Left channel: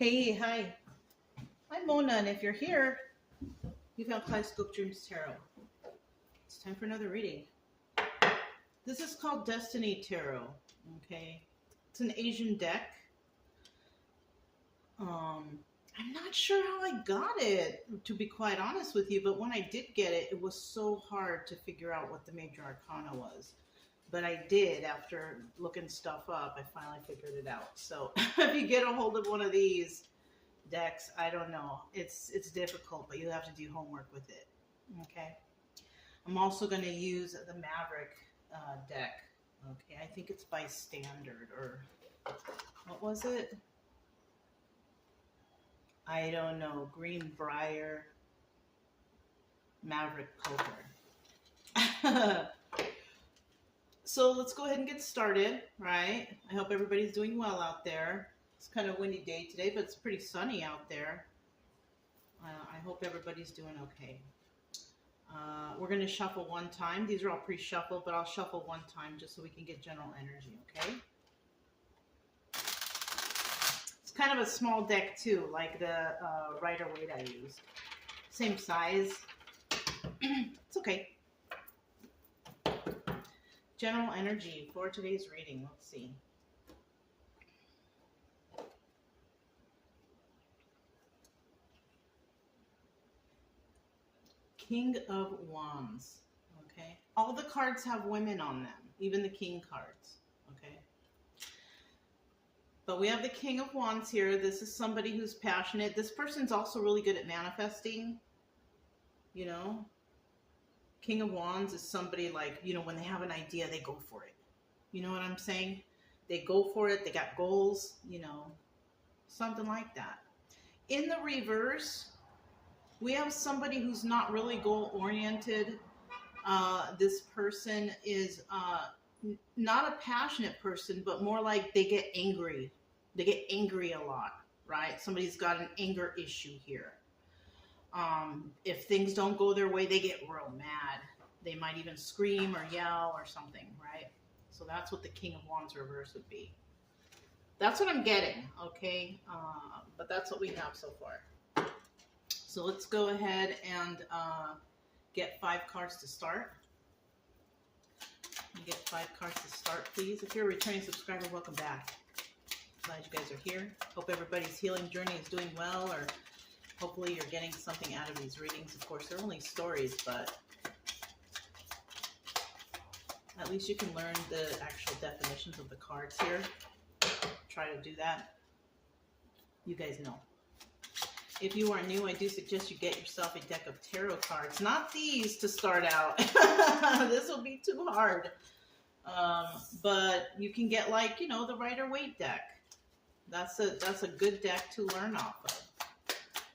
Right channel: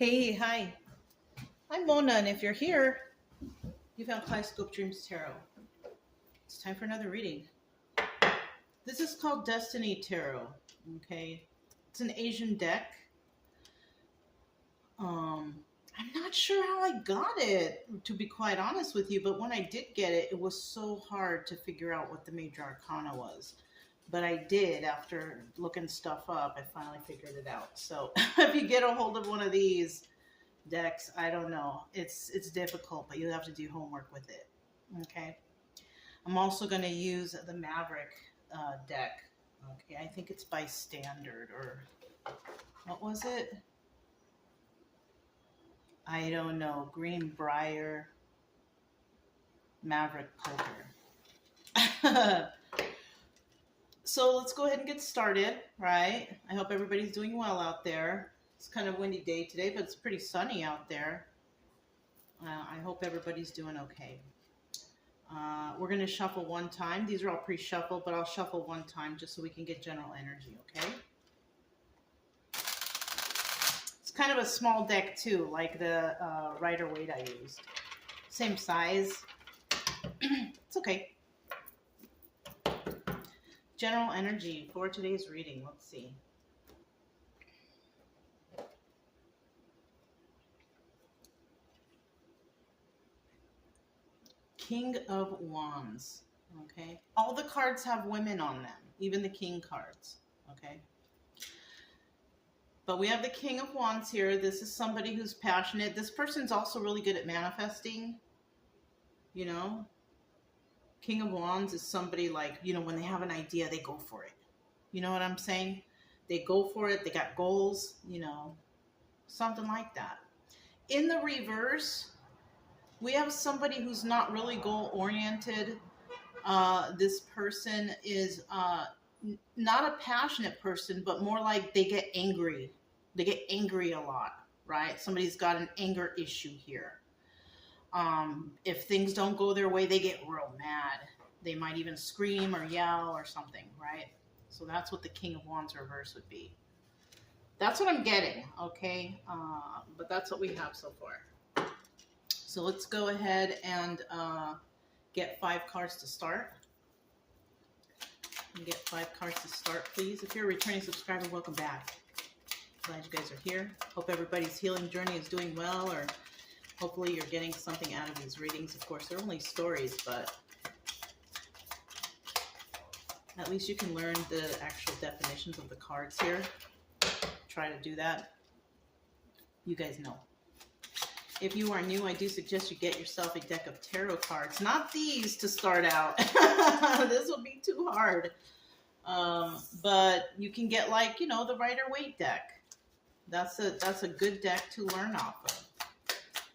Hey, hi. I'm Mona, and if you're here, you found Kaleidoscope Dreams Tarot. It's time for another reading. This is called Destiny Tarot. Okay, it's an Asian deck. I'm not sure how I got it, to be quite honest with you, but when I did get it, it was so hard to figure out what the major arcana was. But I did, after looking stuff up, I finally figured it out. So if you get a hold of one of these decks, I don't know, it's difficult, but you have to do homework with it. Okay, I'm also going to use the Maverick deck. Okay, I think it's by standard, or what was it? I don't know. Greenbrier Maverick Poker. So let's go ahead and get started, right? I hope everybody's doing well out there. It's kind of a windy day today, but it's pretty sunny out there. I hope everybody's doing okay. We're going to shuffle one time. These are all pre-shuffled, but I'll shuffle one time just so we can get general energy, okay? It's kind of a small deck too, like the Rider-Waite I used. Same size. It's okay. General energy for today's reading. Let's see. King of Wands. Okay. All the cards have women on them, even the King cards. Okay. But we have the King of Wands here. This is somebody who's passionate. This person's also really good at manifesting. You know, King of Wands is somebody like, you know, when they have an idea, they go for it. You know what I'm saying? They go for it. They got goals, you know, something like that. In the reverse, we have somebody who's not really goal-oriented. This person is not a passionate person, but more like they get angry. They get angry a lot, right? Somebody's got an anger issue here. If things don't go their way, they get real mad. They might even scream or yell or something, right? So that's what the King of Wands reverse would be. That's what I'm getting, okay? But that's what we have so far. So let's go ahead and get 5 cards to start. Get 5 cards to start, please. If you're a returning subscriber, welcome back. Glad you guys are here. Hope everybody's healing journey is doing well, or hopefully you're getting something out of these readings. Of course, they're only stories, but at least you can learn the actual definitions of the cards here. Try to do that. You guys know. If you are new, I do suggest you get yourself a deck of tarot cards. Not these to start out. This will be too hard. But you can get, like, you know, the Rider-Waite deck. That's a good deck to learn off of.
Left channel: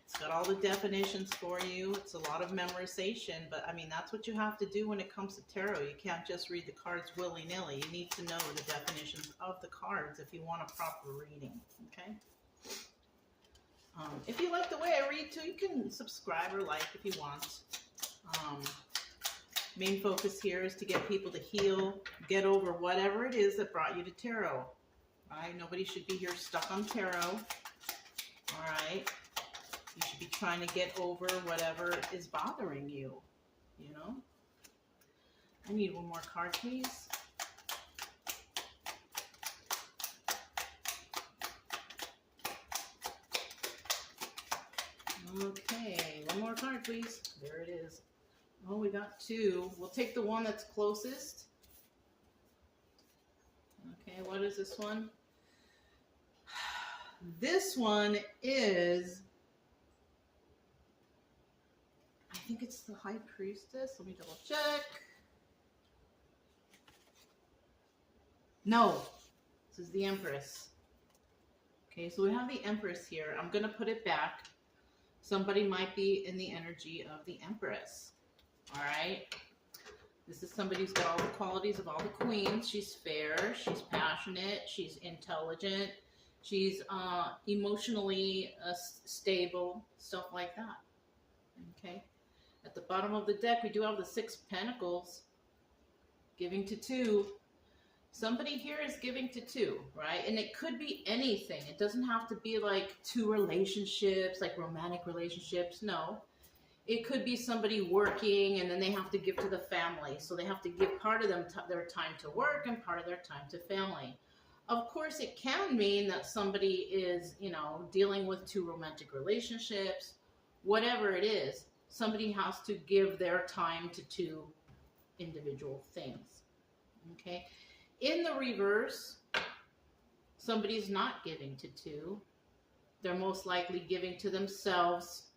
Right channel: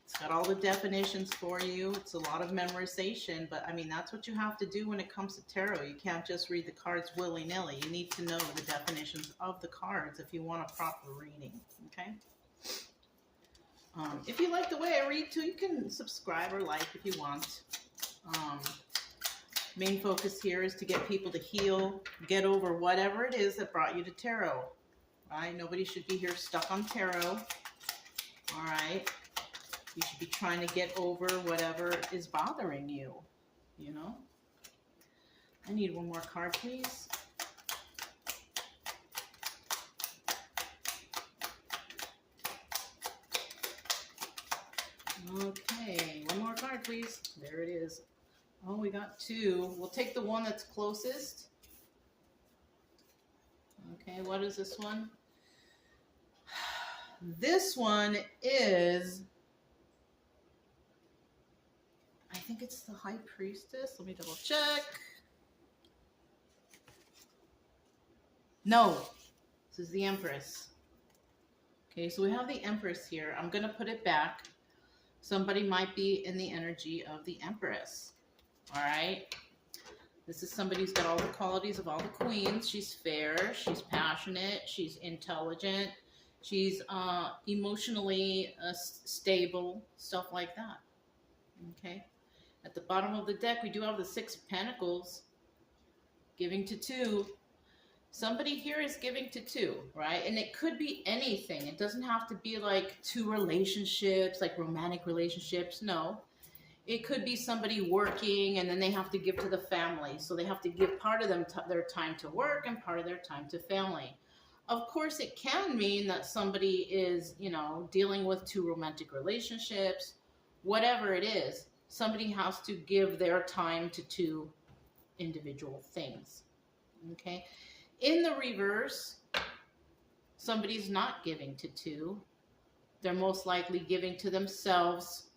It's got all the definitions for you. It's a lot of memorization, but I mean, that's what you have to do when it comes to tarot. You can't just read the cards willy-nilly. You need to know the definitions of the cards if you want a proper reading, okay? If you like the way I read too, you can subscribe or like if you want. Main focus here is to get people to heal, get over whatever it is that brought you to tarot. Right? Nobody should be here stuck on tarot. All right. You should be trying to get over whatever is bothering you. You know. I need one more card, please. Okay, one more card, please. There it is. Oh, we got 2. We'll take the one that's closest. Okay, what is this one? This one is, I think it's the High Priestess. Let me double check. No, this is the Empress. Okay, so we have the Empress here. I'm going to put it back. Somebody might be in the energy of the Empress. All right. This is somebody who's got all the qualities of all the queens. She's fair. She's passionate. She's intelligent. She's emotionally stable. Stuff like that. Okay. At the bottom of the deck, we do have the 6 of Pentacles. Giving to 2. Somebody here is giving to two, right? And it could be anything. It doesn't have to be like two relationships, like romantic relationships. No. It could be somebody working and then they have to give to the family. So they have to give part of their time to work and part of their time to family. Of course, it can mean that somebody is, dealing with two romantic relationships, whatever it is. Somebody has to give their time to two individual things. Okay? In the reverse, somebody's not giving to two. They're most likely giving to themselves,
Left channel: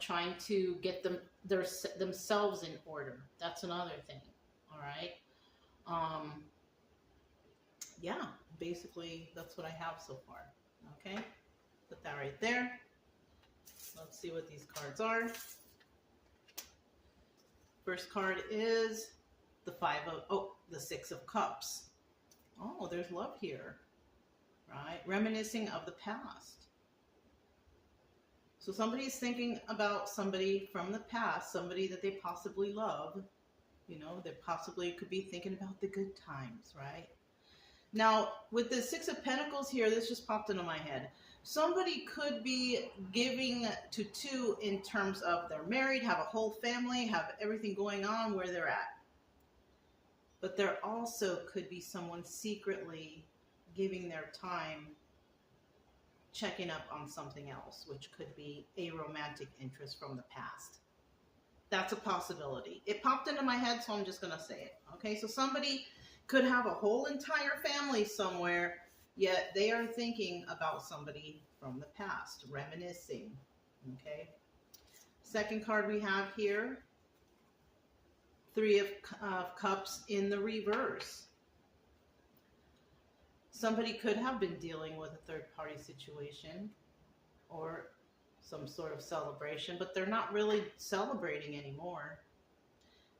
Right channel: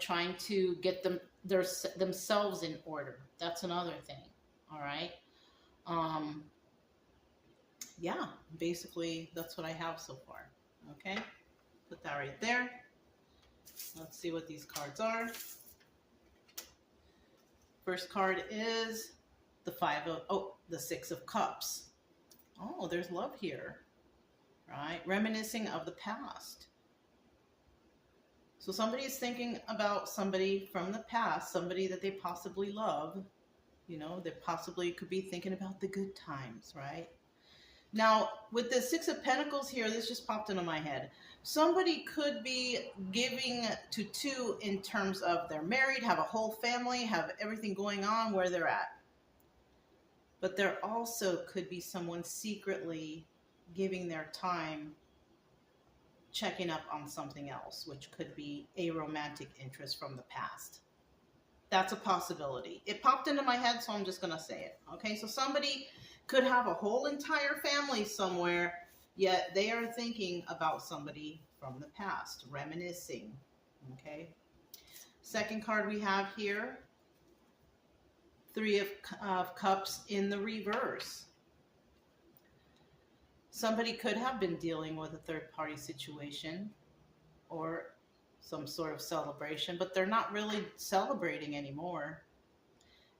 trying to get themselves in order. That's another thing. All right. Yeah, basically that's what I have so far. Okay. Put that right there. Let's see what these cards are. First card is the Six of Cups. Oh, there's love here, right? Reminiscing of the past. So somebody is thinking about somebody from the past, somebody that they possibly love. They possibly could be thinking about the good times, right? Now, with the Six of Pentacles here, this just popped into my head. Somebody could be giving to two in terms of they're married, have a whole family, have everything going on where they're at. But there also could be someone secretly giving their time checking up on something else, which could be a romantic interest from the past. That's a possibility. It popped into my head, so I'm just going to say it. Okay, so somebody could have a whole entire family somewhere, yet they are thinking about somebody from the past, reminiscing. Okay. Second card we have here, Three of Cups in the reverse. Somebody could have been dealing with a third-party situation or some sort of celebration, but they're not really celebrating anymore.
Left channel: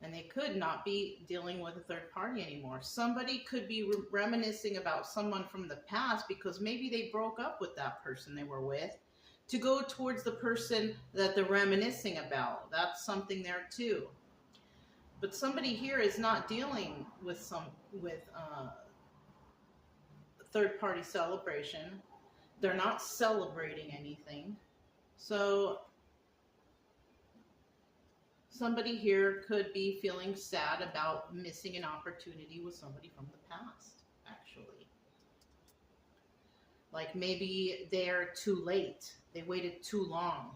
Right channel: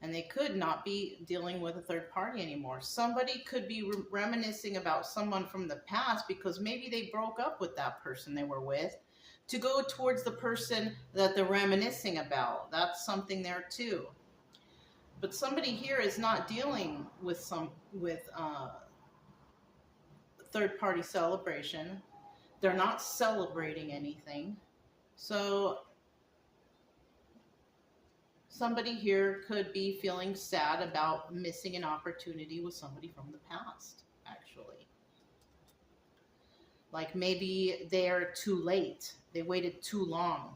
And they could not be dealing with a third party anymore. Somebody could be reminiscing about someone from the past because maybe they broke up with that person they were with to go towards the person that they're reminiscing about. That's something there too. But somebody here is not dealing with third-party celebration. They're not celebrating anything. So somebody here could be feeling sad about missing an opportunity with somebody from the past, actually. Like maybe they're too late. They waited too long,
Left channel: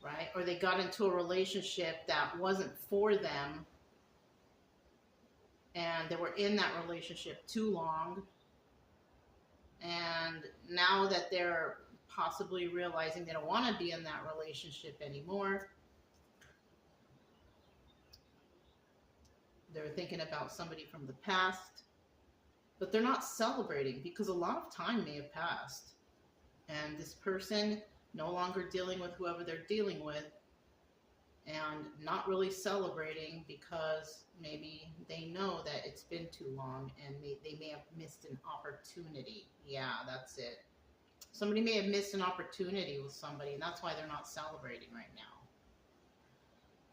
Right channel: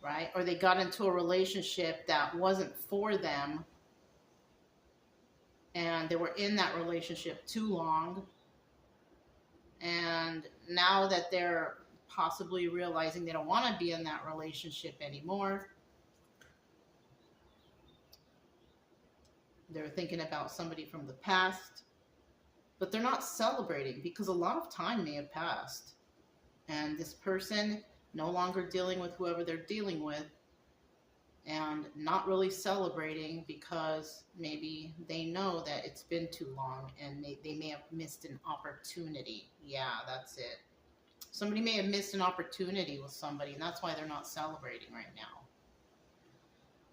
right? Or they got into a relationship that wasn't for them, and they were in that relationship too long. And now that they're possibly realizing they don't want to be in that relationship anymore, they're thinking about somebody from the past, but they're not celebrating because a lot of time may have passed. And this person no longer dealing with whoever they're dealing with and not really celebrating because maybe they know that it's been too long and they may have missed an opportunity. Yeah, that's it. Somebody may have missed an opportunity with somebody, and that's why they're not celebrating right now.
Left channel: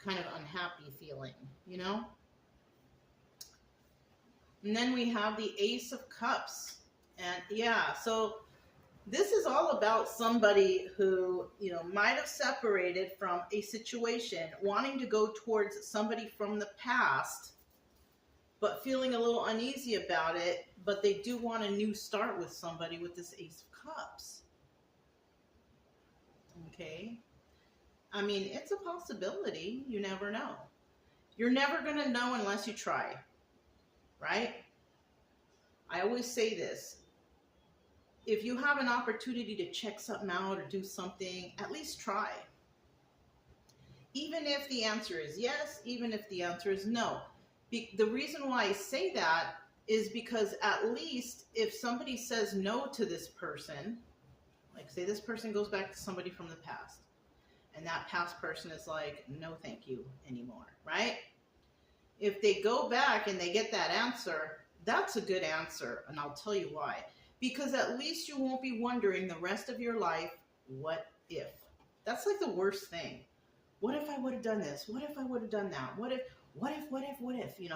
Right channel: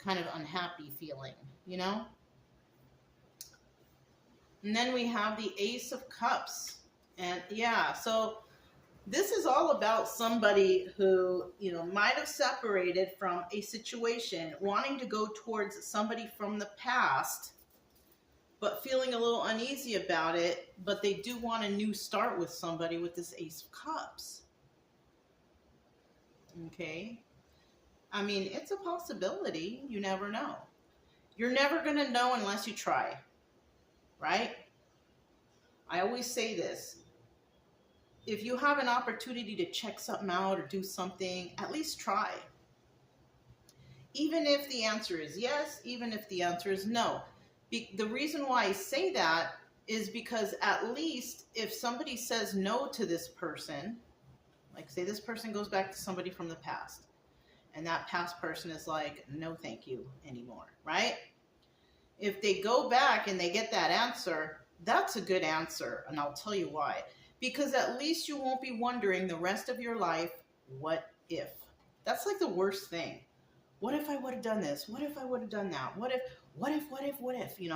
Kind of unhappy feeling, And then we have the Ace of Cups. And yeah, so this is all about somebody who, might have separated from a situation, wanting to go towards somebody from the past, but feeling a little uneasy about it, but they do want a new start with somebody with this Ace of Cups. Okay? I mean, it's a possibility. You never know. You're never going to know unless you try. Right? I always say this. If you have an opportunity to check something out or do something, at least try. Even if the answer is yes, even if the answer is no. The reason why I say that is because at least if somebody says no to this person, like say this person goes back to somebody from the past, and that past person is like, no thank you anymore, right? If they go back and they get that answer, that's a good answer, and I'll tell you why. Because at least you won't be wondering the rest of your life, what if? That's like the worst thing. What if I would have done this? What if I would have done that? What if?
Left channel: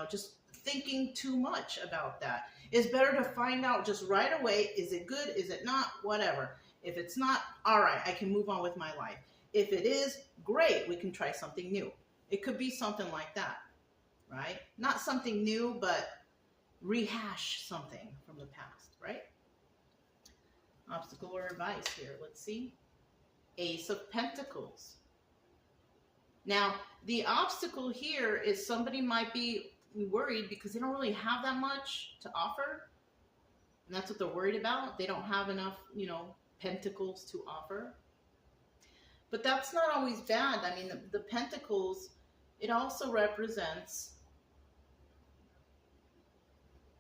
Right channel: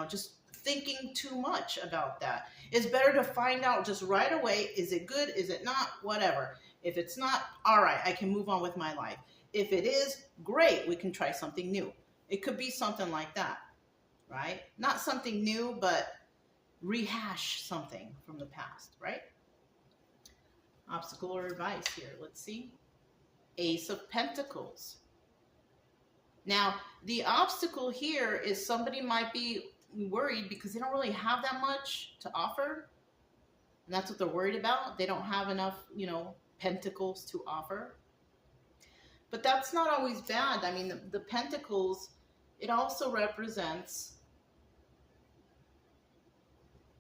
Just thinking too much about that. It's better to find out just right away, is it good, is it not, whatever. If it's not, all right, I can move on with my life. If it is, great, we can try something new. It could be something like that, right? Not something new, but rehash something from the past, right? Obstacle or advice here, let's see. Ace of Pentacles. Now, the obstacle here is somebody might be worried because they don't really have that much to offer. And that's what they're worried about. They don't have enough, pentacles to offer. But that's not always bad. I mean, the pentacles, it also represents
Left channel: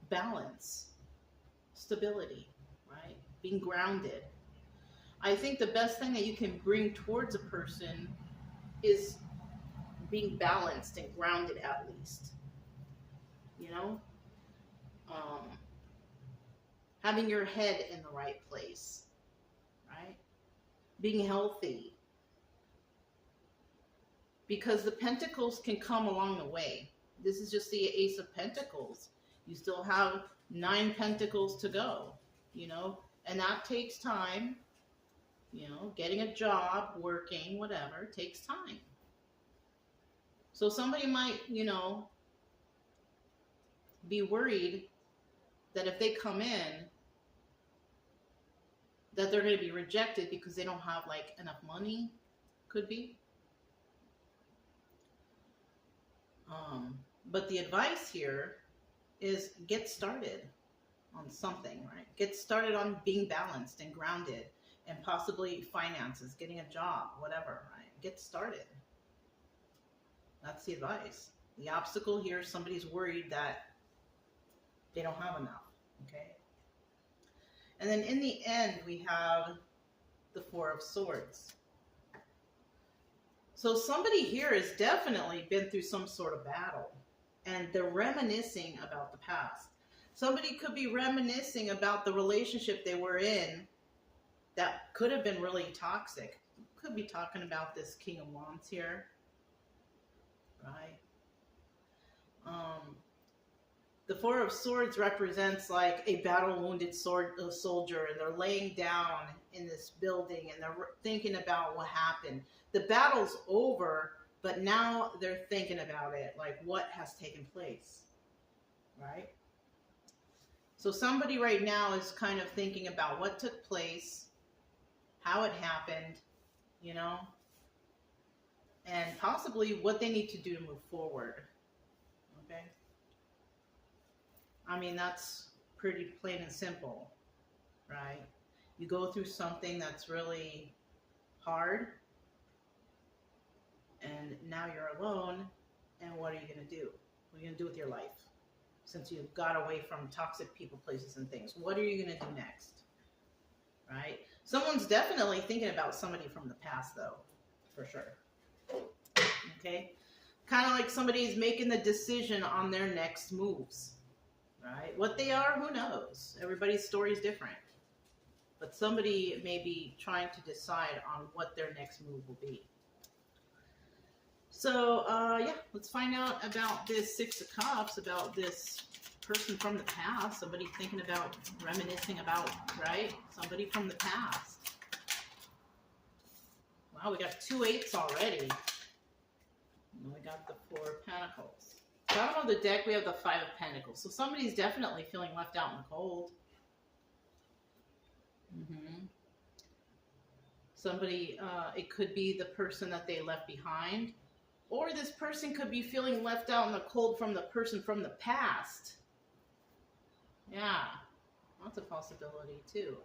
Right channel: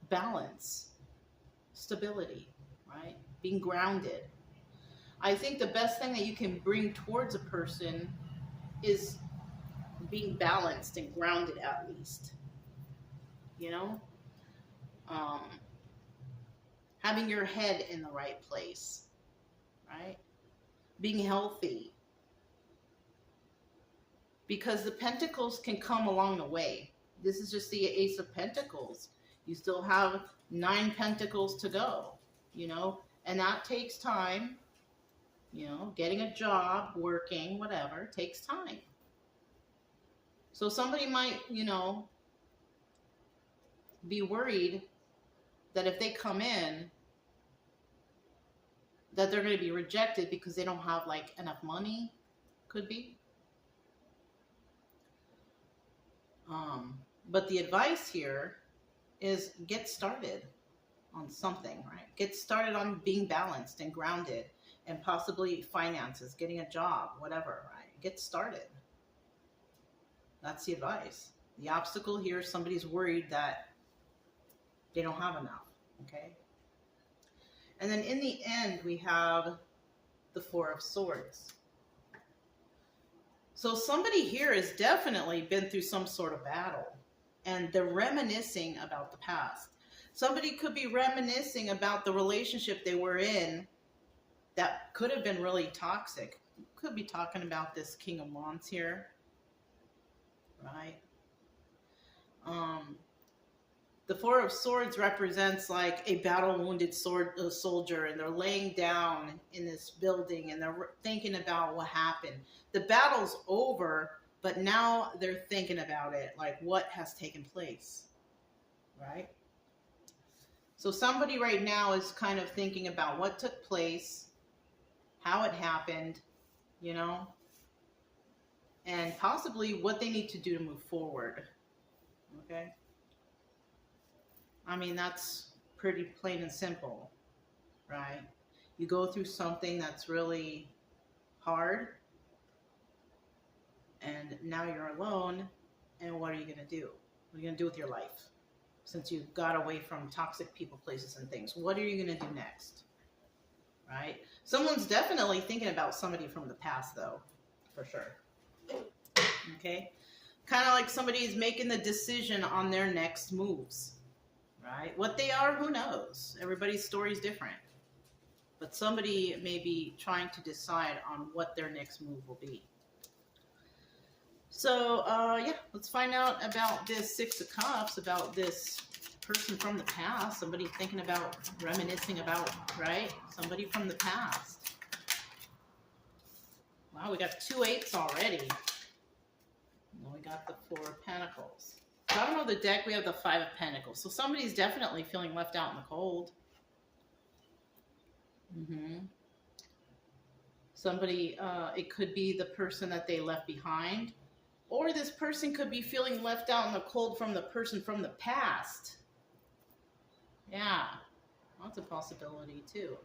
balance, stability, right? Being grounded. I think the best thing that you can bring towards a person is being balanced and grounded, at least. Having your head in the right place, right? Being healthy. Because the pentacles can come along the way. This is just the Ace of Pentacles. You still have 9 pentacles to go, and that takes time. Getting a job, working, whatever, takes time. So somebody might, be worried that if they come in, that they're going to be rejected because they don't have enough money. Could be. But the advice here is get started on something, right? Get started on being balanced and grounded, and possibly finances, getting a job, whatever, right? Get started. That's the advice. The obstacle here is somebody's worried that they don't have enough, okay? And then in the end, we have the Four of Swords. So somebody here has definitely been through some sort of battle, and they're reminiscing about the past. Somebody could be reminiscing about the relationship they were in that could have been really toxic. Could be talking about this King of Wands here, right? The Four of Swords represents like a battle-wounded soldier, and they're laying down in this building, and they're thinking about what happened. The battle's over, but now they're thinking about it, like what has taken place, right? So somebody right now is kind of thinking about what took place, how it happened, you know, and possibly what they need to do to move forward, okay? I mean, that's pretty plain and simple, right? You go through something that's really hard, and now you're alone, and what are you going to do? What are you going to do with your life? Since you got away from toxic people, places, and things, what are you going to do next, right? Someone's definitely thinking about somebody from the past, though, for sure, okay? Kind of like somebody's making the decision on their next moves. Right? What they are, who knows? Everybody's story is different. But somebody may be trying to decide on what their next move will be. So, yeah, let's find out about this Six of Cups, about this person from the past. Somebody thinking about, reminiscing about, right? Somebody from the past. Wow, we got 2 8s already. And then we got the 4 of Pentacles. Bottom of the deck, we have the 5 of Pentacles. So somebody's definitely feeling left out in the cold. Somebody, it could be the person that they left behind. Or this person could be feeling left out in the cold from the person from the past. Yeah, that's a possibility too.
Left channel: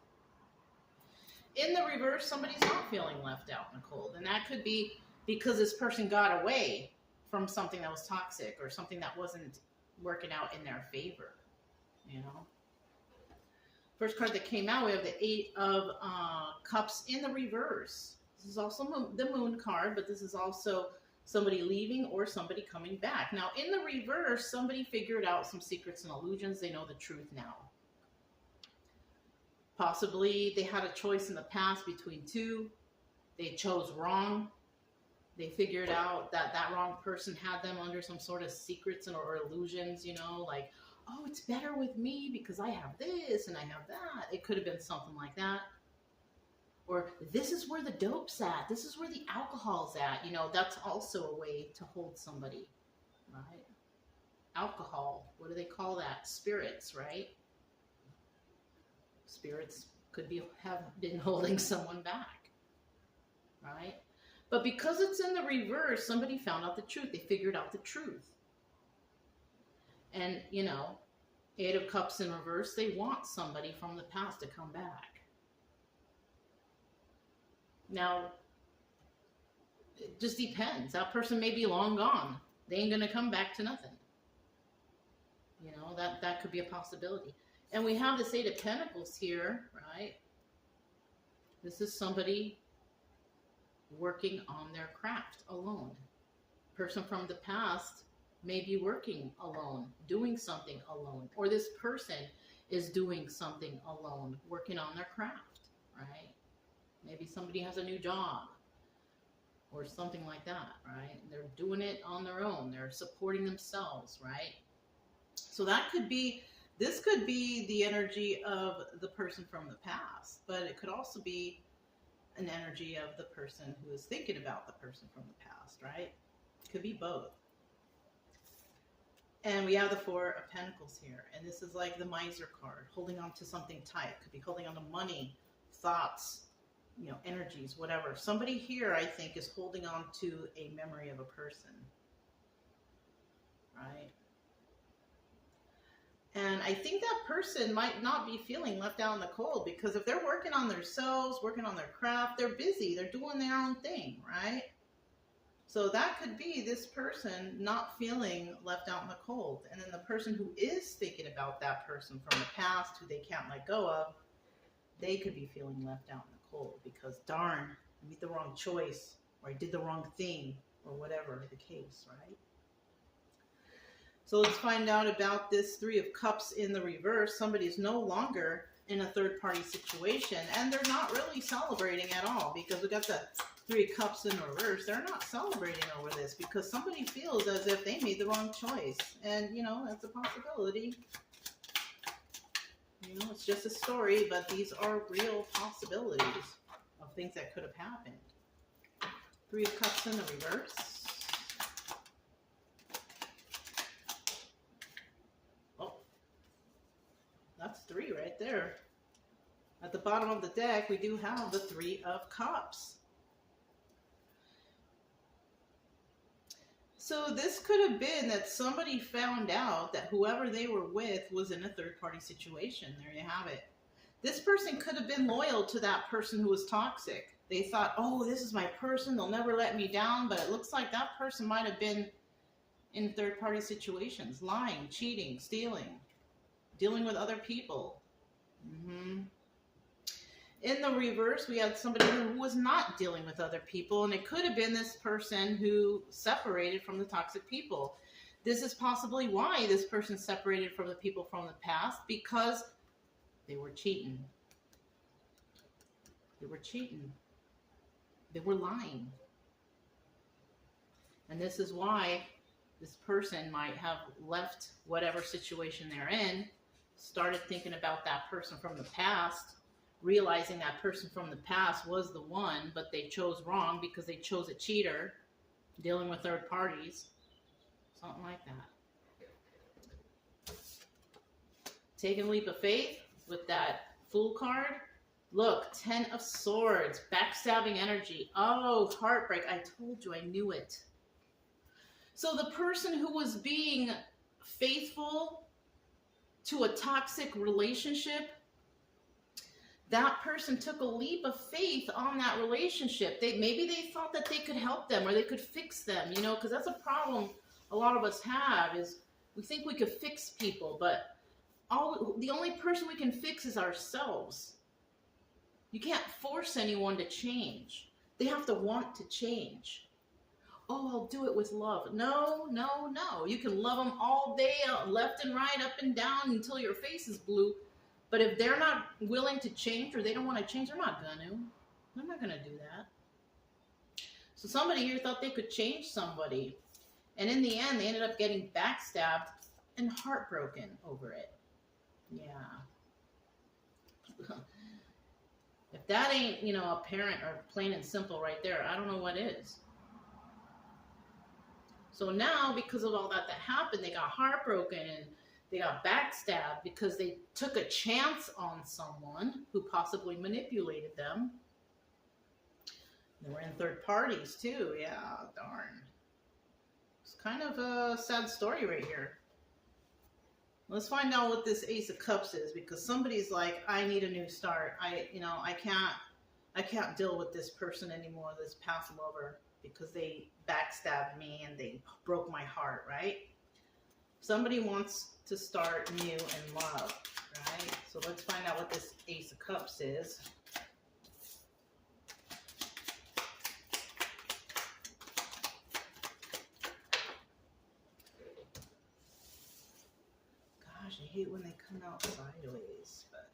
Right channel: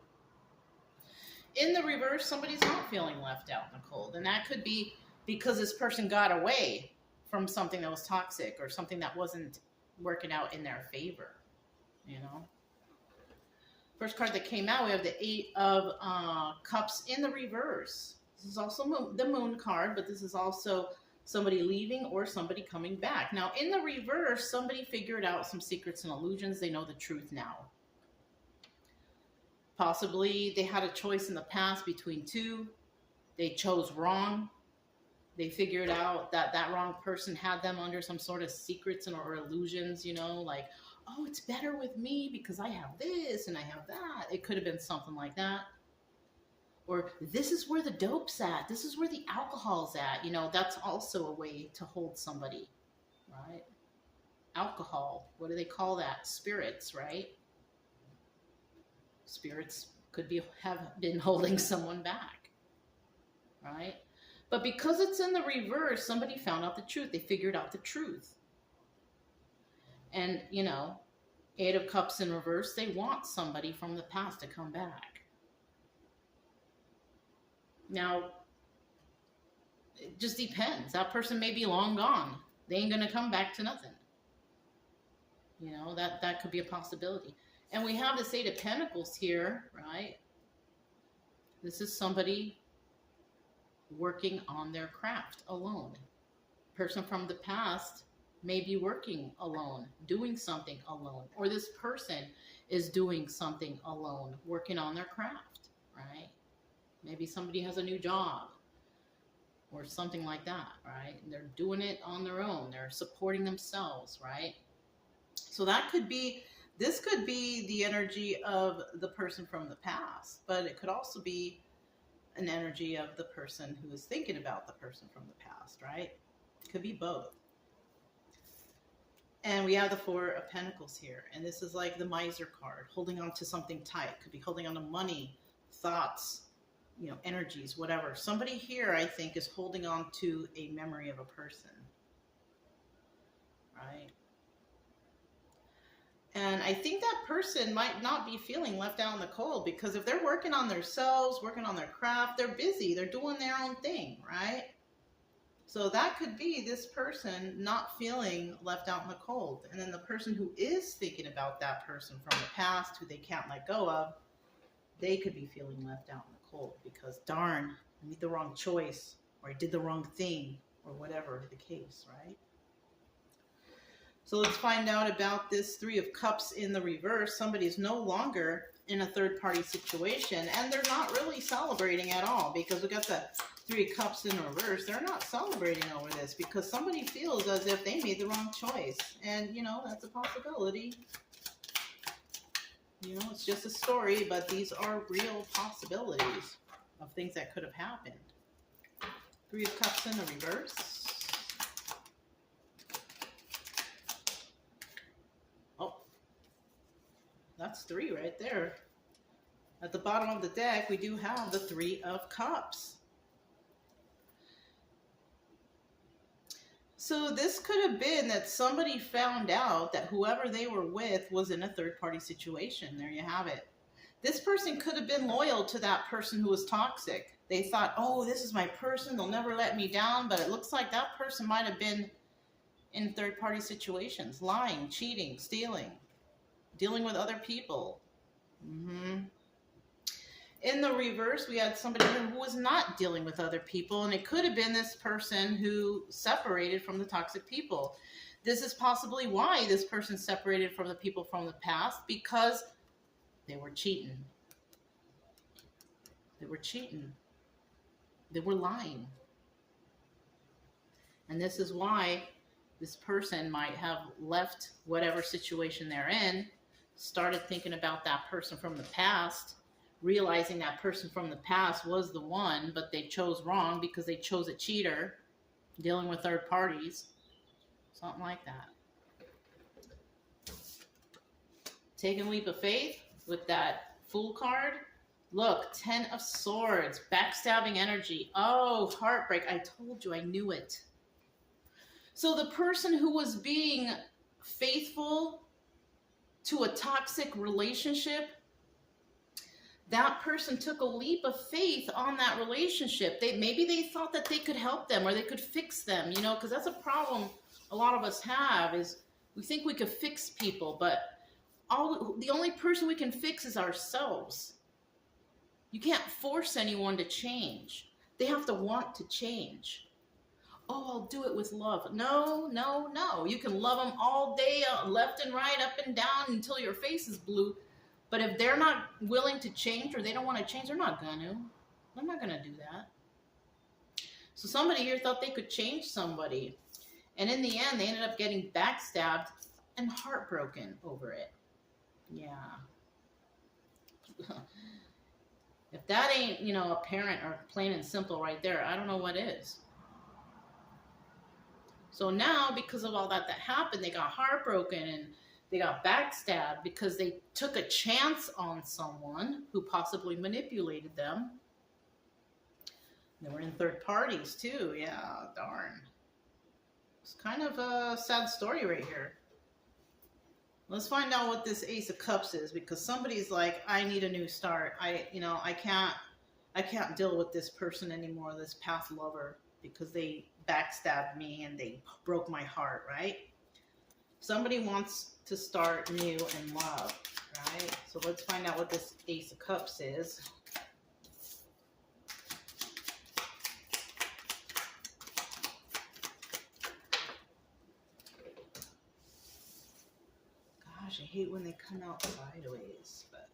In the reverse, somebody's not feeling left out in the cold. And that could be because this person got away from something that was toxic or something that wasn't working out in their favor, you know. First card that came out, we have the 8 of Cups in the reverse. This is also the Moon card, but this is also somebody leaving or somebody coming back. Now, in the reverse, somebody figured out some secrets and illusions. They know the truth now. Possibly they had a choice in the past between 2. They chose wrong. They figured out that that wrong person had them under some sort of secrets or illusions, you know, like, oh, it's better with me because I have this and I have that. It could have been something like that. Or this is where the dope's at. This is where the alcohol's at. You know, that's also a way to hold somebody, right? Alcohol, what do they call that? Spirits, right? Spirits could have been holding someone back, right? But because it's in the reverse, somebody found out the truth. They figured out the truth. And, you know, Eight of Cups in reverse, they want somebody from the past to come back. Now, it just depends. That person may be long gone. They ain't going to come back to nothing. You know, that could be a possibility. And we have this Eight of Pentacles here, right? This is somebody working on their craft alone. Person from the past may be working alone, doing something alone. Or this person is doing something alone, working on their craft, right? Maybe somebody has a new job or something like that, right? They're doing it on their own. They're supporting themselves, right? So that could be, this could be the energy of the person from the past, but it could also be an energy of the person who is thinking about the person from the past, right? It could be both. And we have the Four of Pentacles here. And this is like the Miser card, holding on to something tight. Could be holding on to money, thoughts, you know, energies, whatever. Somebody here, I think, is holding on to a memory of a person, right? And I think that person might not be feeling left out in the cold, because if they're working on themselves, working on their craft, they're busy, they're doing their own thing, right? So that could be this person not feeling left out in the cold. And then the person who is thinking about that person from the past, who they can't let go of, they could be feeling left out in the cold because, darn, I made the wrong choice, or I did the wrong thing, or whatever the case, right? So let's find out about this Three of Cups in the reverse. Somebody is no longer in a third-party situation, and they're not really celebrating at all, because we got the Three of Cups in reverse. They're not celebrating over this because somebody feels as if they made the wrong choice. And, you know, that's a possibility. You know, it's just a story, but these are real possibilities of things that could have happened. Three of Cups in the reverse. That's three right there. At the bottom of the deck, we do have the Three of Cups. So this could have been that somebody found out that whoever they were with was in a third-party situation. There you have it. This person could have been loyal to that person who was toxic. They thought, oh, this is my person, they'll never let me down. But it looks like that person might have been in third-party situations, lying, cheating, stealing, dealing with other people. In the reverse, we had somebody who was not dealing with other people, and it could have been this person who separated from the toxic people. This is possibly why this person separated from the people from the past, because they were cheating. They were cheating. They were lying. And this is why this person might have left whatever situation they're in, started thinking about that person from the past, realizing that person from the past was the one, but they chose wrong because they chose a cheater, dealing with third parties, something like that. Taking a leap of faith with that Fool card. Look, Ten of Swords, backstabbing energy. Oh, heartbreak. I told you, I knew it. So the person who was being faithful to a toxic relationship, that person took a leap of faith on that relationship. Maybe they thought that they could help them or they could fix them, you know, because that's a problem a lot of us have, is we think we could fix people, but the only person we can fix is ourselves. You can't force anyone to change. They have to want to change. Oh, I'll do it with love. No, no, no. You can love them all day, left and right, up and down, until your face is blue. But if they're not willing to change, or they don't want to change, they're not going to. They're not going to do that. So somebody here thought they could change somebody. And in the end, they ended up getting backstabbed and heartbroken over it. Yeah. If that ain't, apparent or plain and simple right there, I don't know what is. So now, because of all that happened, they got heartbroken and they got backstabbed because they took a chance on someone who possibly manipulated them. They were in third parties too. Yeah, darn. It's kind of a sad story right here. Let's find out what this Ace of Cups is, because somebody's like, I need a new start. I can't deal with this person anymore, this past lover, because they backstabbed me and they broke my heart, right? Somebody wants to start new in love, right? So let's find out what this Ace of Cups is. Gosh, I hate when they come out sideways, but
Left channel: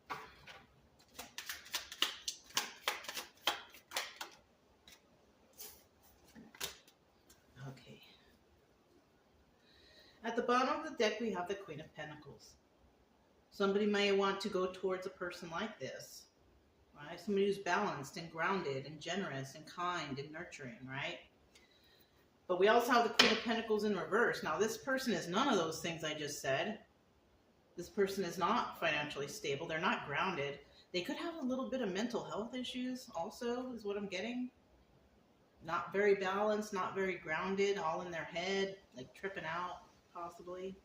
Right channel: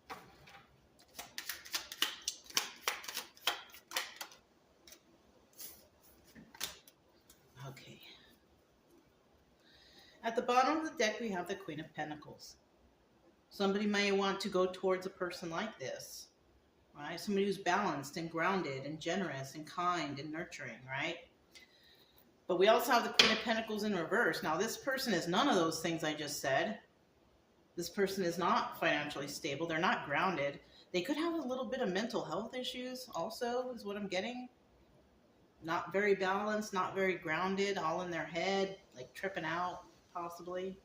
okay. At the bottom of the deck, we have the Queen of Pentacles. Somebody may want to go towards a person like this, right? Somebody who's balanced and grounded and generous and kind and nurturing, right? But we also have the Queen of Pentacles in reverse. Now, this person is none of those things I just said. This person is not financially stable. They're not grounded. They could have a little bit of mental health issues also, is what I'm getting. Not very balanced, not very grounded, all in their head, like tripping out, possibly.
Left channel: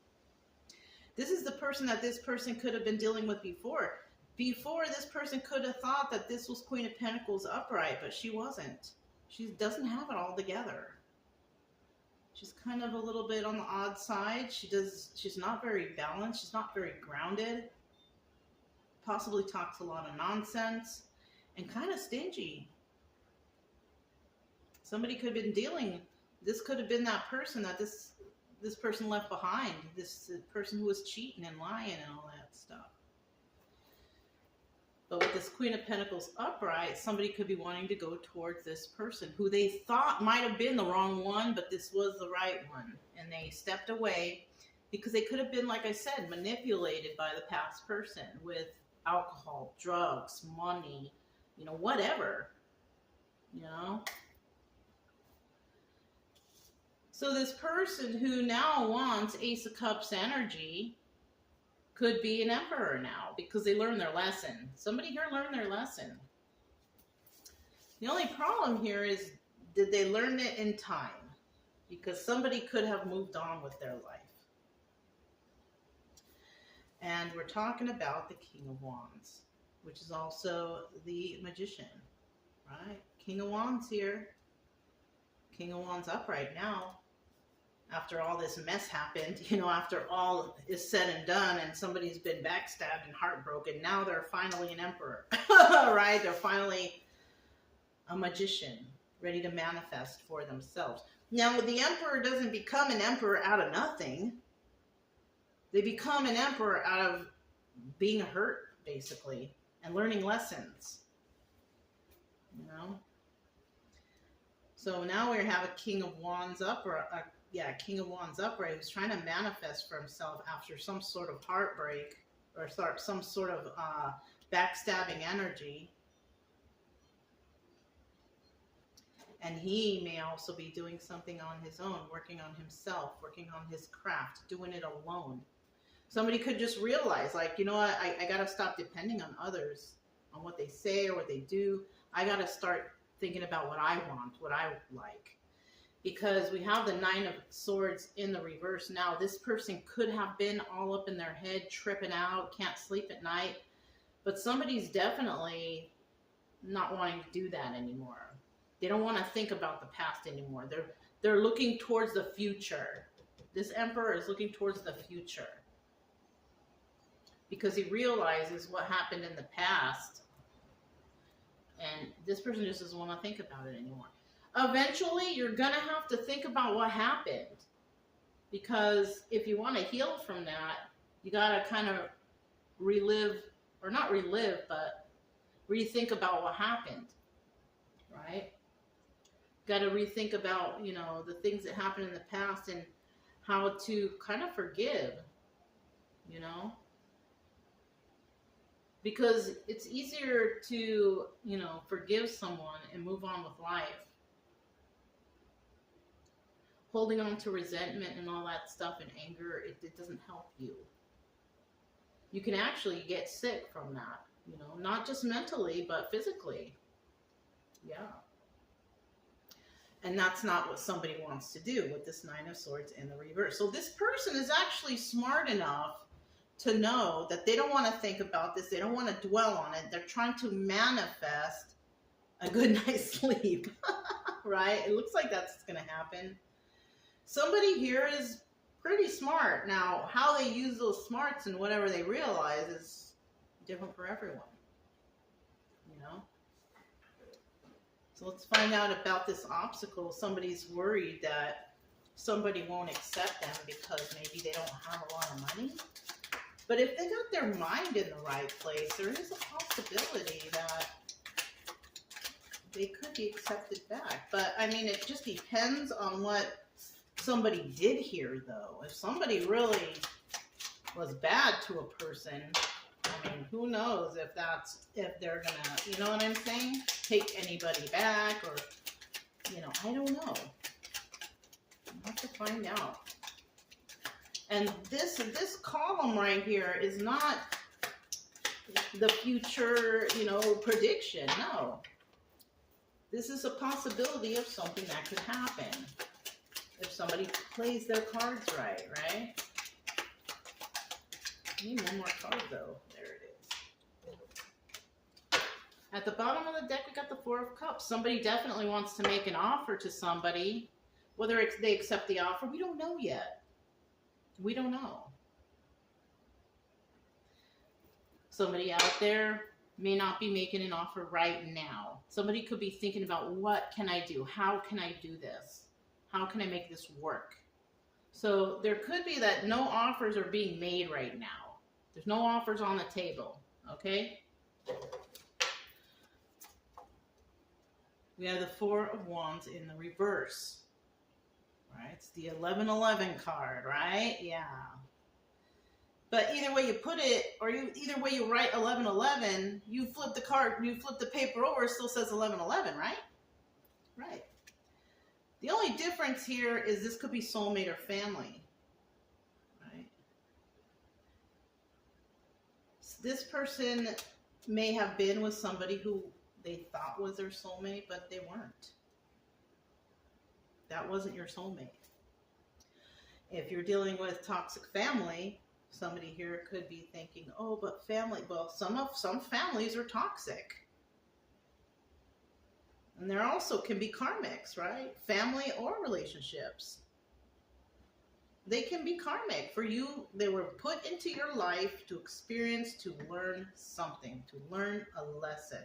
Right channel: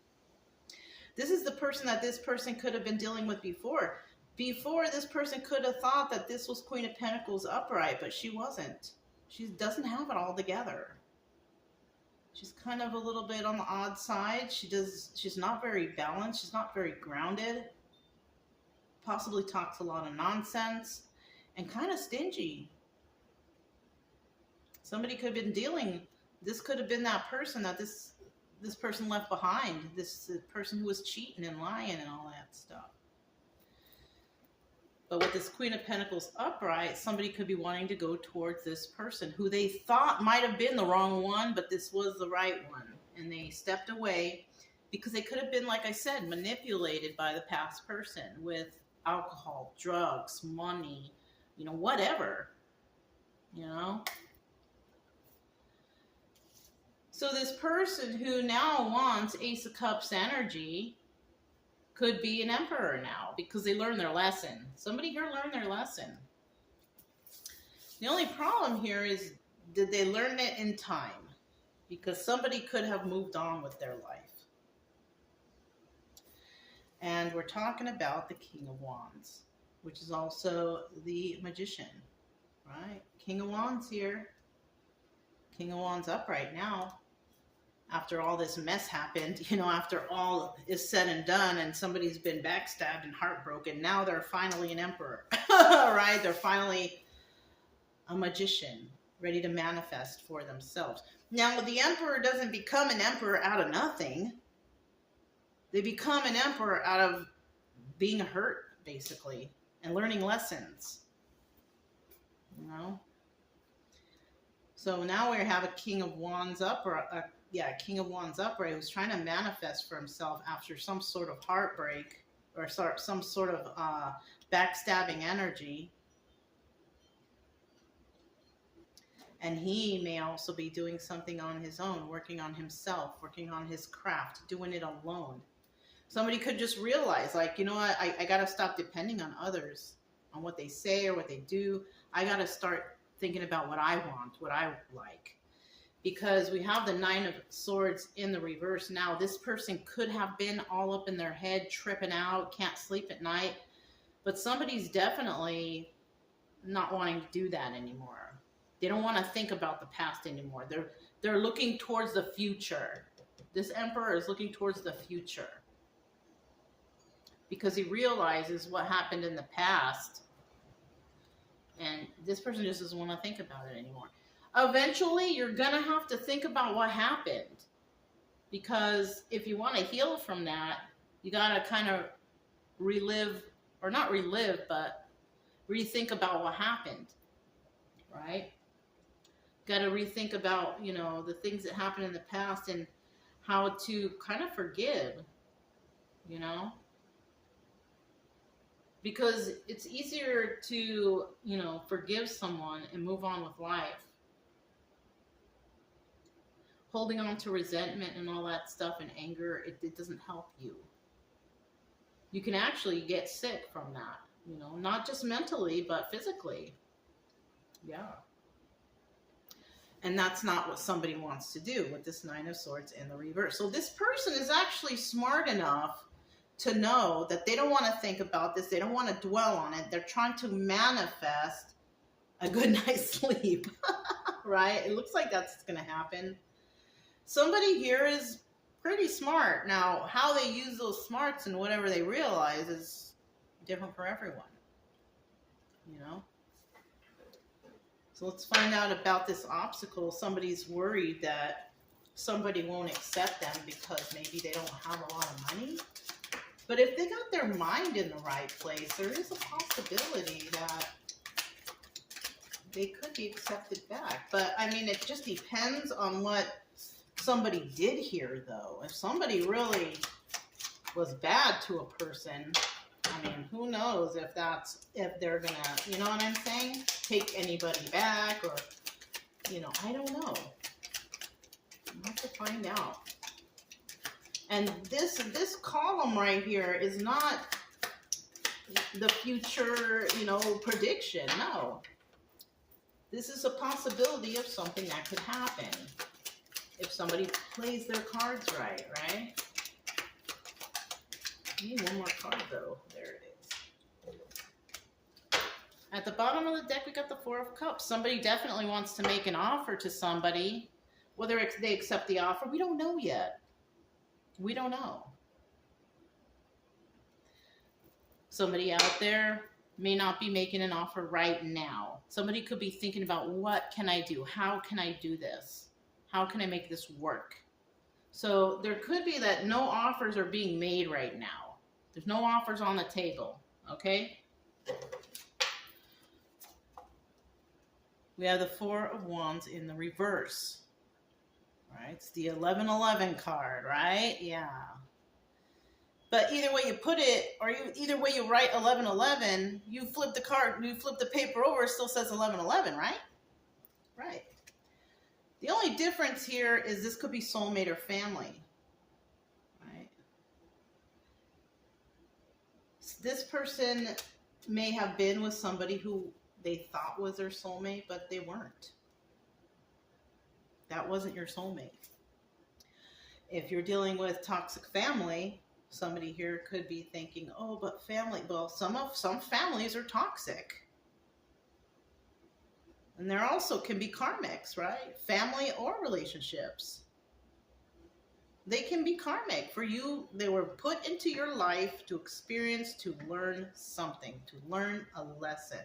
This is the person that this person could have been dealing with before. Before, this person could have thought that this was Queen of Pentacles upright, but she wasn't. She doesn't have it all together. She's kind of a little bit on the odd side. She's not very balanced. She's not very grounded. Possibly talks a lot of nonsense and kind of stingy. Somebody could have been this could have been that person that this person left behind. This person who was cheating and lying and all that stuff. But with this Queen of Pentacles upright, somebody could be wanting to go towards this person who they thought might have been the wrong one, but this was the right one. And they stepped away because they could have been, like I said, manipulated by the past person with alcohol, drugs, money, whatever, So this person who now wants Ace of Cups energy could be an Emperor now because they learned their lesson. Somebody here learned their lesson. The only problem here is, did they learn it in time? Because somebody could have moved on with their life. And we're talking about the King of Wands, which is also the Magician, right? King of Wands here. King of Wands upright now. After all this mess happened, after all is said and done and somebody's been backstabbed and heartbroken, now they're finally an Emperor, right? They're finally a magician, ready to manifest for themselves. Now, the Emperor doesn't become an Emperor out of nothing. They become an Emperor out of being hurt, basically, and learning lessons, So now we have a King of Wands King of Wands upright who's trying to manifest for himself after some sort of heartbreak or some sort of backstabbing energy. And he may also be doing something on his own, working on himself, working on his craft, doing it alone. Somebody could just realize, like, you know what, I got to stop depending on others, on what they say or what they do. I got to start thinking about what I want, what I like. Because we have the Nine of Swords in the reverse now. This person could have been all up in their head, tripping out, can't sleep at night. But somebody's definitely not wanting to do that anymore. They don't want to think about the past anymore. They're looking towards the future. This Emperor is looking towards the future. Because he realizes what happened in the past. And this person just doesn't want to think about it anymore. Eventually, you're going to have to think about what happened. Because if you want to heal from that, you got to kind of relive, or not relive, but rethink about what happened. Right? Got to rethink about, the things that happened in the past and how to kind of forgive. you know? Because it's easier to, you know, forgive someone and move on with life. Holding on to resentment and all that stuff and anger, it doesn't help you. You can actually get sick from that, you know, not just mentally, but physically. Yeah. And that's not what somebody wants to do with this Nine of Swords in the reverse. So this person is actually smart enough to know that they don't want to think about this. They don't want to dwell on it. They're trying to manifest a good night's sleep, right? It looks like that's going to happen. Somebody here is pretty smart. Now, how they use those smarts and whatever they realize is different for everyone, you know? So let's find out about this obstacle. Somebody's worried that somebody won't accept them because maybe they don't have a lot of money. But if they got their mind in the right place, there is a possibility that they could be accepted back. But, I mean, it just depends on what somebody did here, though. If somebody really was bad to a person, I mean, who knows if they're going to, you know what I'm saying? Take anybody back or, you know, I don't know. I'll have to find out. And this column right here is not the future, you know, prediction. No. This is a possibility of something that could happen if somebody plays their cards right, right? I need one more card, though. There it is. At the bottom of the deck, we got the Four of Cups. Somebody definitely wants to make an offer to somebody. Whether they accept the offer, we don't know yet. We don't know. Somebody out there may not be making an offer right now. Somebody could be thinking about, what can I do? How can I do this? How can I make this work? So there could be that no offers are being made right now. There's no offers on the table, okay? We have the Four of Wands in the reverse. Right? It's the 1111 card, right? Yeah. But either way you put it, or either way you write 1111, you flip the card, you flip the paper over, it still says 1111, right? Right. The only difference here is this could be soulmate or family, right? This person may have been with somebody who they thought was their soulmate, but they weren't. That wasn't your soulmate. If you're dealing with toxic family, somebody here could be thinking, oh, but family, well, some families are toxic. And there also can be karmics, right? Family or relationships. They can be karmic for you. They were put into your life to experience, to learn something, to learn a lesson.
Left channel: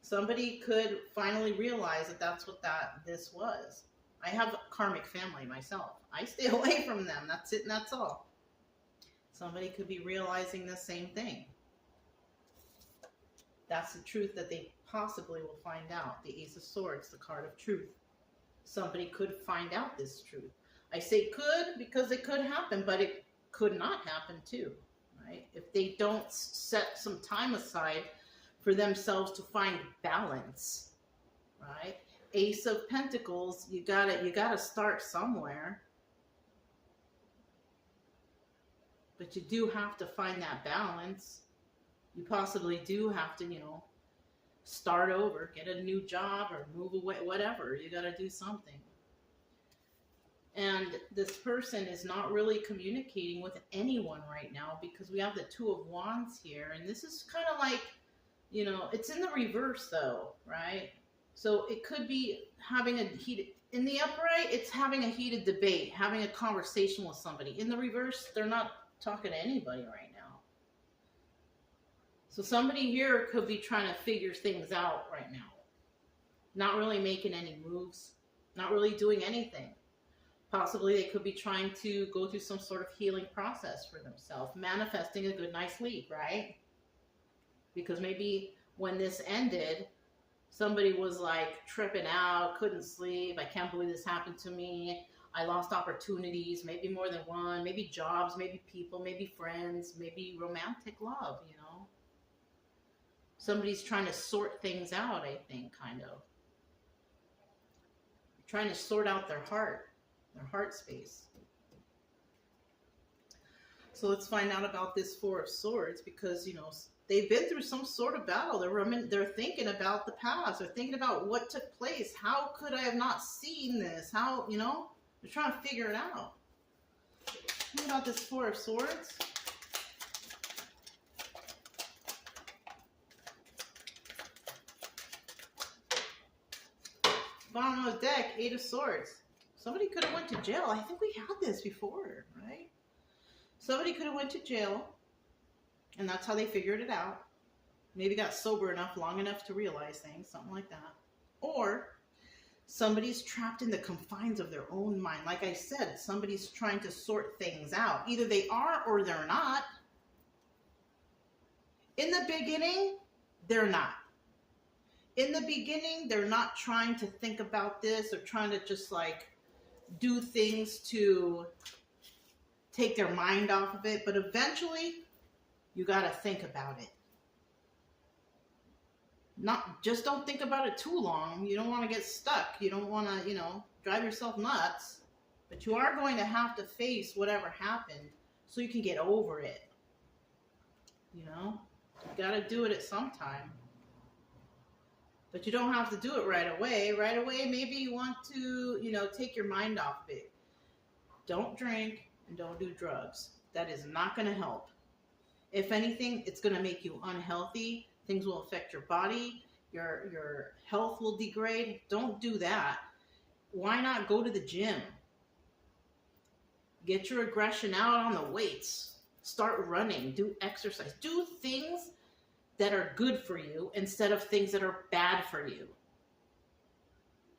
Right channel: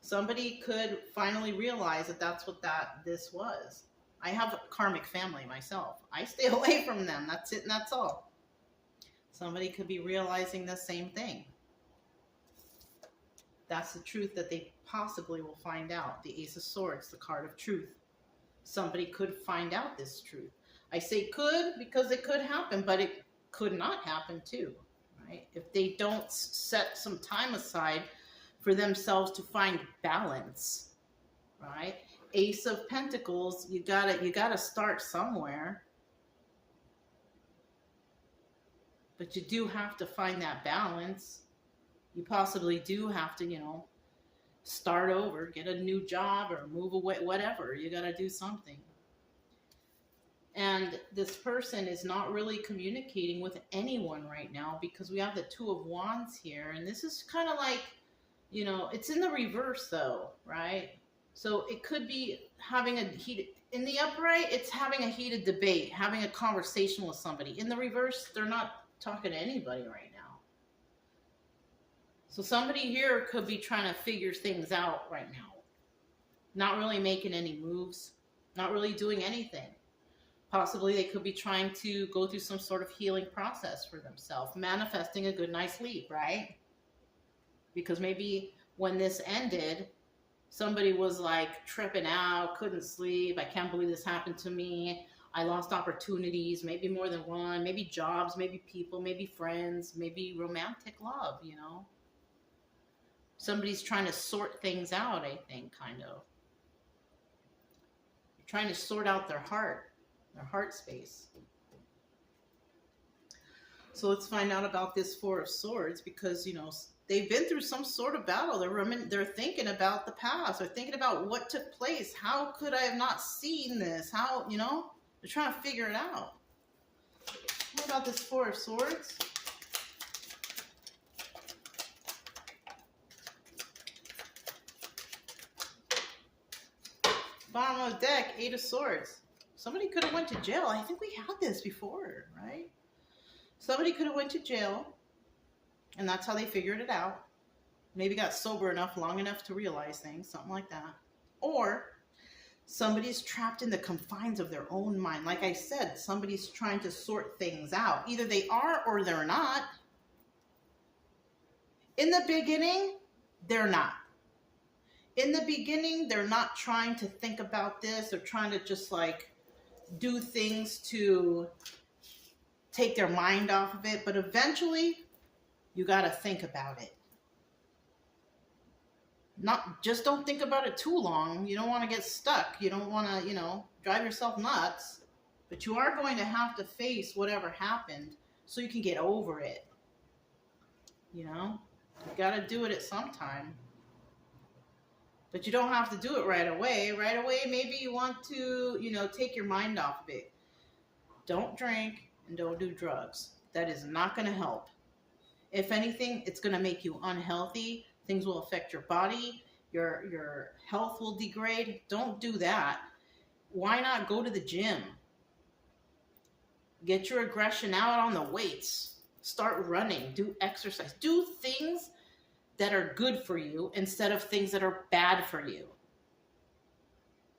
Somebody could finally realize that that's what this was. I have a karmic family myself. I stay away from them. That's it and that's all. Somebody could be realizing the same thing. That's the truth that they possibly will find out. The Ace of Swords, the card of truth. Somebody could find out this truth. I say could because it could happen, but it could not happen too, right? If they don't set some time aside for themselves to find balance, right? Ace of Pentacles, you gotta start somewhere. But you do have to find that balance. You possibly do have to, you know, start over, get a new job or move away, whatever. You gotta do something. And this person is not really communicating with anyone right now because we have the Two of Wands here. And this is kind of like, you know, it's in the reverse though, right? So it could be having a heated, in the upright, it's having a heated debate, having a conversation with somebody. In the reverse, they're not talking to anybody right now. So somebody here could be trying to figure things out right now. Not really making any moves, not really doing anything. Possibly they could be trying to go through some sort of healing process for themselves, manifesting a good night's sleep, right? Because maybe when this ended, somebody was like tripping out, couldn't sleep. I can't believe this happened to me. I lost opportunities, maybe more than one, maybe jobs, maybe people, maybe friends, maybe romantic love, you know. Somebody's trying to sort things out, I think, kind of. Trying to sort out their heart space. So let's find out about this Four of Swords, because, you know, they've been through some sort of battle. They're thinking about the past. They're thinking about what took place. How could I have not seen this? How, you know, they're trying to figure it out. What about this Four of Swords? Bottom of the deck, Eight of Swords. Somebody could have went to jail. I think we had this before, right? Somebody could have went to jail, and that's how they figured it out. Maybe got sober enough, long enough to realize things, something like that. Or somebody's trapped in the confines of their own mind. Like I said, somebody's trying to sort things out. Either they are or they're not. In the beginning, they're not. In the beginning, they're not trying to think about this. They're trying to just like do things to take their mind off of it. But eventually, you got to think about it. Just don't think about it too long. You don't want to get stuck. You don't want to, you know, drive yourself nuts. But you are going to have to face whatever happened so you can get over it. You know, you got to do it at some time. But you don't have to do it right away. Right away, maybe you want to, you know, take your mind off of it. Don't drink and don't do drugs. That is not going to help. If anything, it's going to make you unhealthy. Things will affect your body. Your health will degrade. Don't do that. Why not go to the gym? Get your aggression out on the weights. Start running. Do exercise. Do things that are good for you instead of things that are bad for you.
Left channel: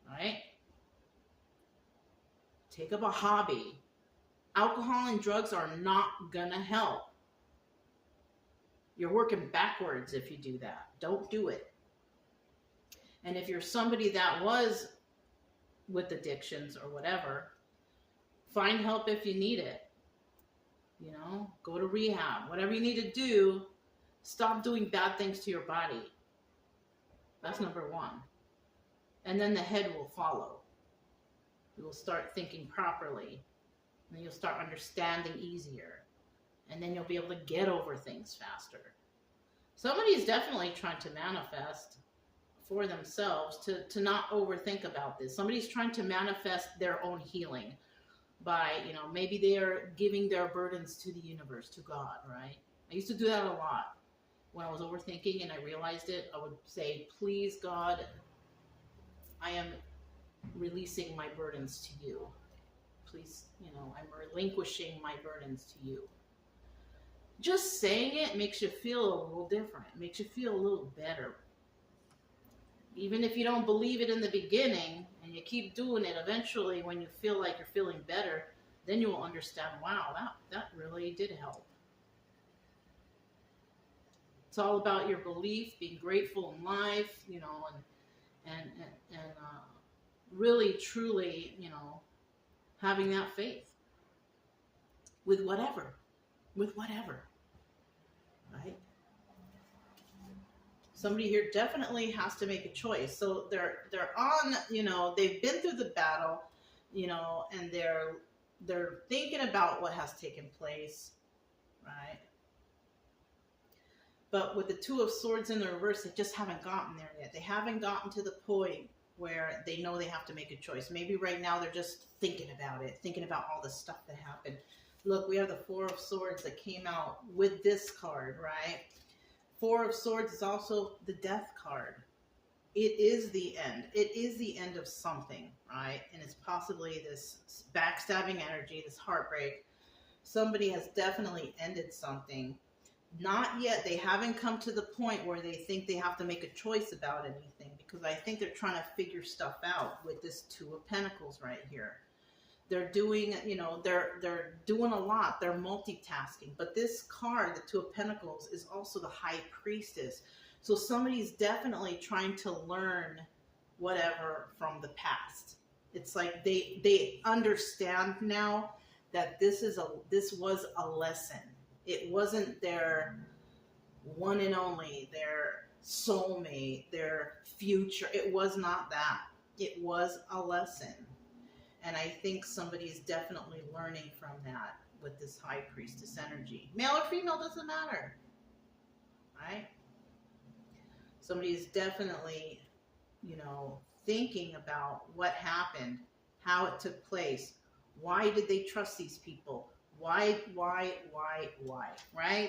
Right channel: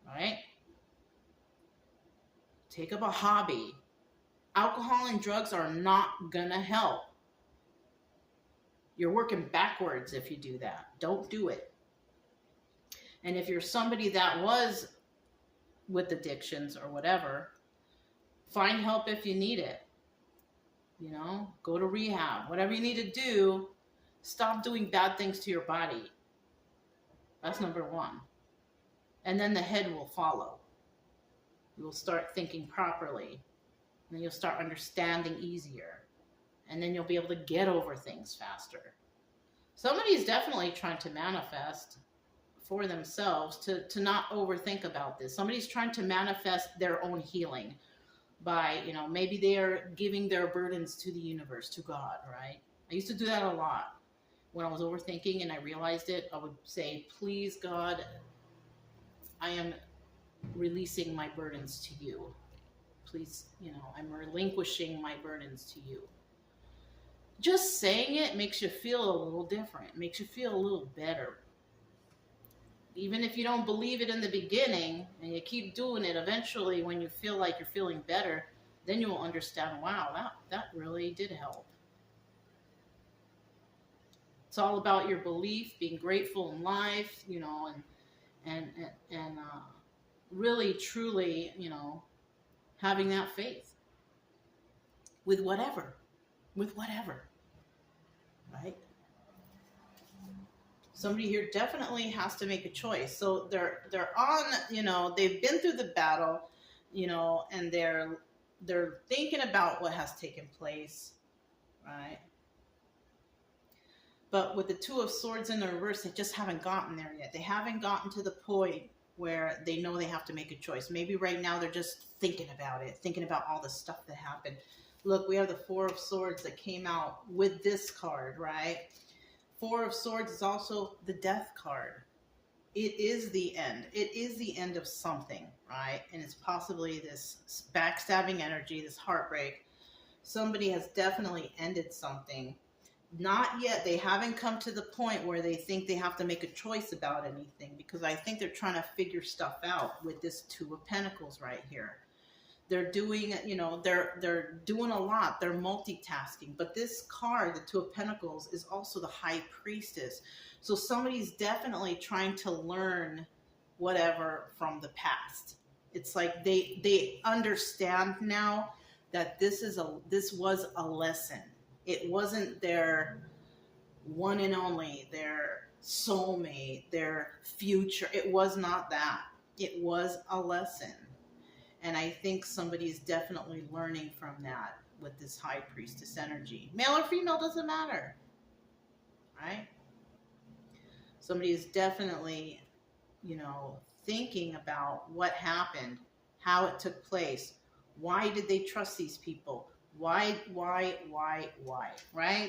Right? Take up a hobby. Alcohol and drugs are not gonna help. You're working backwards if you do that. Don't do it. And if you're somebody that was with addictions or whatever, find help if you need it. You know, go to rehab. Whatever you need to do, stop doing bad things to your body. That's number one. And then the head will follow. You will start thinking properly. And then you'll start understanding easier. And then you'll be able to get over things faster. Somebody is definitely trying to manifest for themselves to not overthink about this. Somebody's trying to manifest their own healing by, you know, maybe they are giving their burdens to the universe, to God, right? I used to do that a lot. When I was overthinking and I realized it, I would say, please, God, I am releasing my burdens to you. Please, you know, I'm relinquishing my burdens to you. Just saying it makes you feel a little different. It makes you feel a little better. Even if you don't believe it in the beginning and you keep doing it, eventually when you feel like you're feeling better, then you'll understand, wow, that really did help. It's all about your belief, being grateful in life, you know, and really, truly, you know, having that faith with whatever, right? Somebody here definitely has to make a choice. So they're on, you know, they've been through the battle, you know, and they're thinking about what has taken place, right? But with the Two of Swords in the reverse, they just haven't gotten there yet. They haven't gotten to the point where they know they have to make a choice. Maybe right now they're just thinking about it, thinking about all the stuff that happened. Look, we have the Four of Swords that came out with this card, right? Four of Swords is also the Death card. It is the end. It is the end of something, right? And it's possibly this backstabbing energy, this heartbreak. Somebody has definitely ended something. Not yet. They haven't come to the point where they think they have to make a choice about anything, because I think they're trying to figure stuff out with this Two of Pentacles right here. They're doing, you know, they're doing a lot. They're multitasking. But this card, the Two of Pentacles, is also the High Priestess. So somebody's definitely trying to learn whatever from the past. It's like they understand now that this was a lesson. It wasn't their one and only, their soulmate, their future. It was not that. It was a lesson. And I think somebody's definitely learning from that with this high priestess energy. Male or female, doesn't matter. Right? Somebody is definitely, thinking about what happened, how it took place. Why did they trust these people? Why? Right?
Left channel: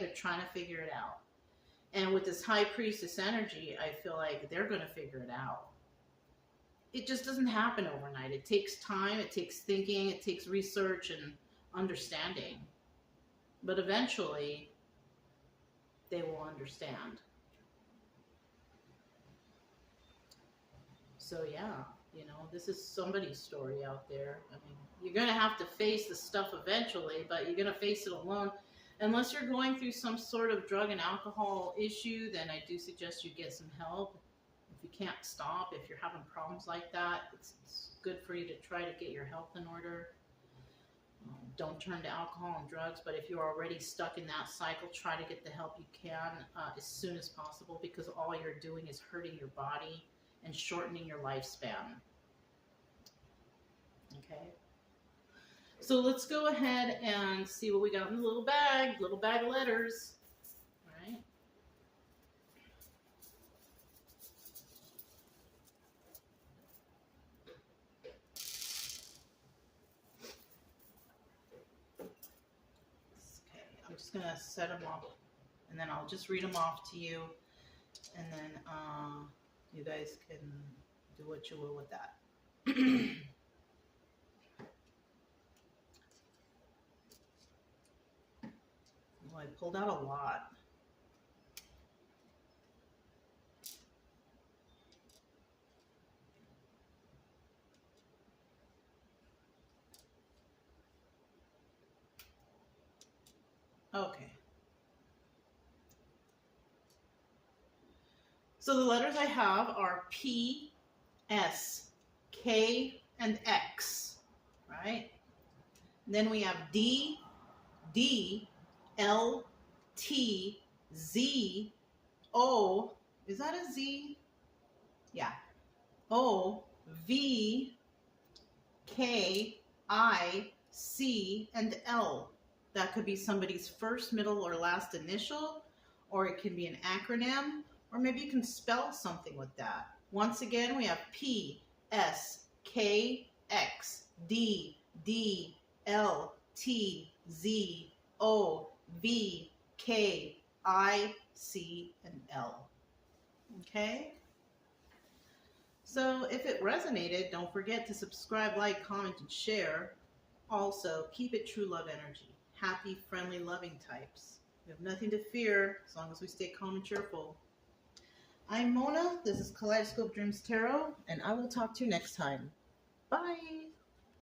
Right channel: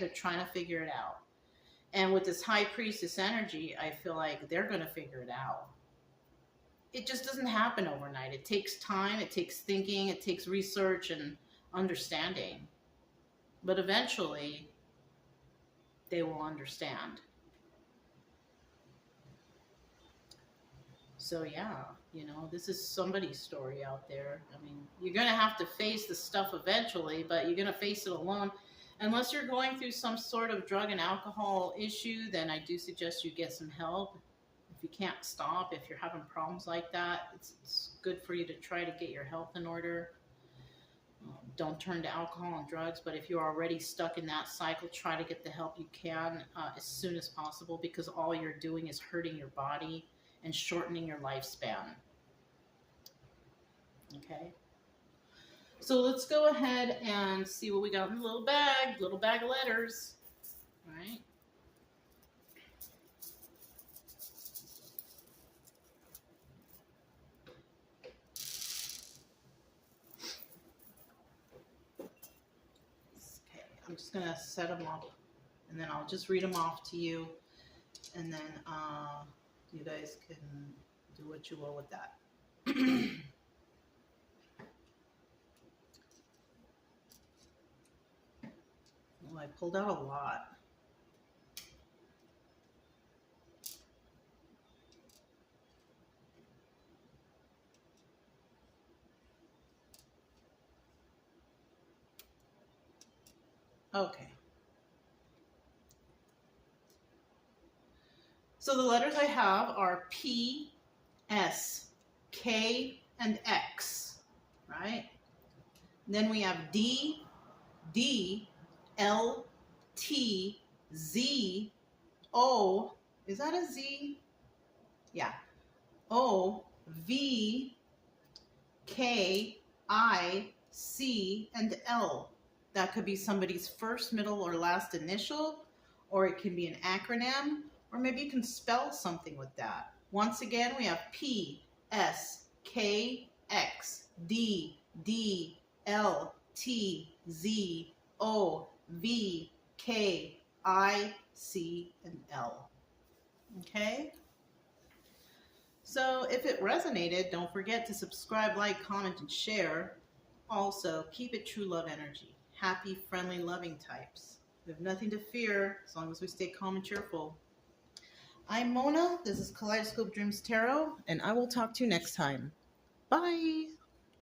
They're trying to figure it out. And with this high priestess energy, I feel like they're going to figure it out. It just doesn't happen overnight. It takes time, it takes thinking, it takes research and understanding. But eventually, they will understand. So yeah, this is somebody's story out there. I mean, you're going to have to face the stuff eventually, but you're going to face it alone. Unless you're going through some sort of drug and alcohol issue, then I do suggest you get some help. If you can't stop, if you're having problems like that, it's good for you to try to get your health in order. Don't turn to alcohol and drugs, but if you're already stuck in that cycle, try to get the help you can as soon as possible, because all you're doing is hurting your body and shortening your lifespan. Okay? So let's go ahead and see what we got in the little bag of letters. All right? Okay, I'm just going to set them up, and then I'll just read them off to you, and then you guys can do what you will with that. Well, I pulled out a lot. Okay. So the letters I have are P, S, K, and X, right? And then we have D, D, L, T, Z, O. Is that a Z? Yeah. O, V, K, I, C, and L. That could be somebody's first, middle, or last initial, or it can be an acronym, or maybe you can spell something with that. Once again, we have P, S, K, X, D, D, L, T, Z, O, V, K, I, C, and L. Okay? So if it resonated, don't forget to subscribe, like, comment, and share. Also, keep it true love energy. Happy, friendly, loving types. We have nothing to fear as long as we stay calm and cheerful. I'm Mona. This is Kaleidoscope Dreams Tarot, and I will talk to you next time. Bye.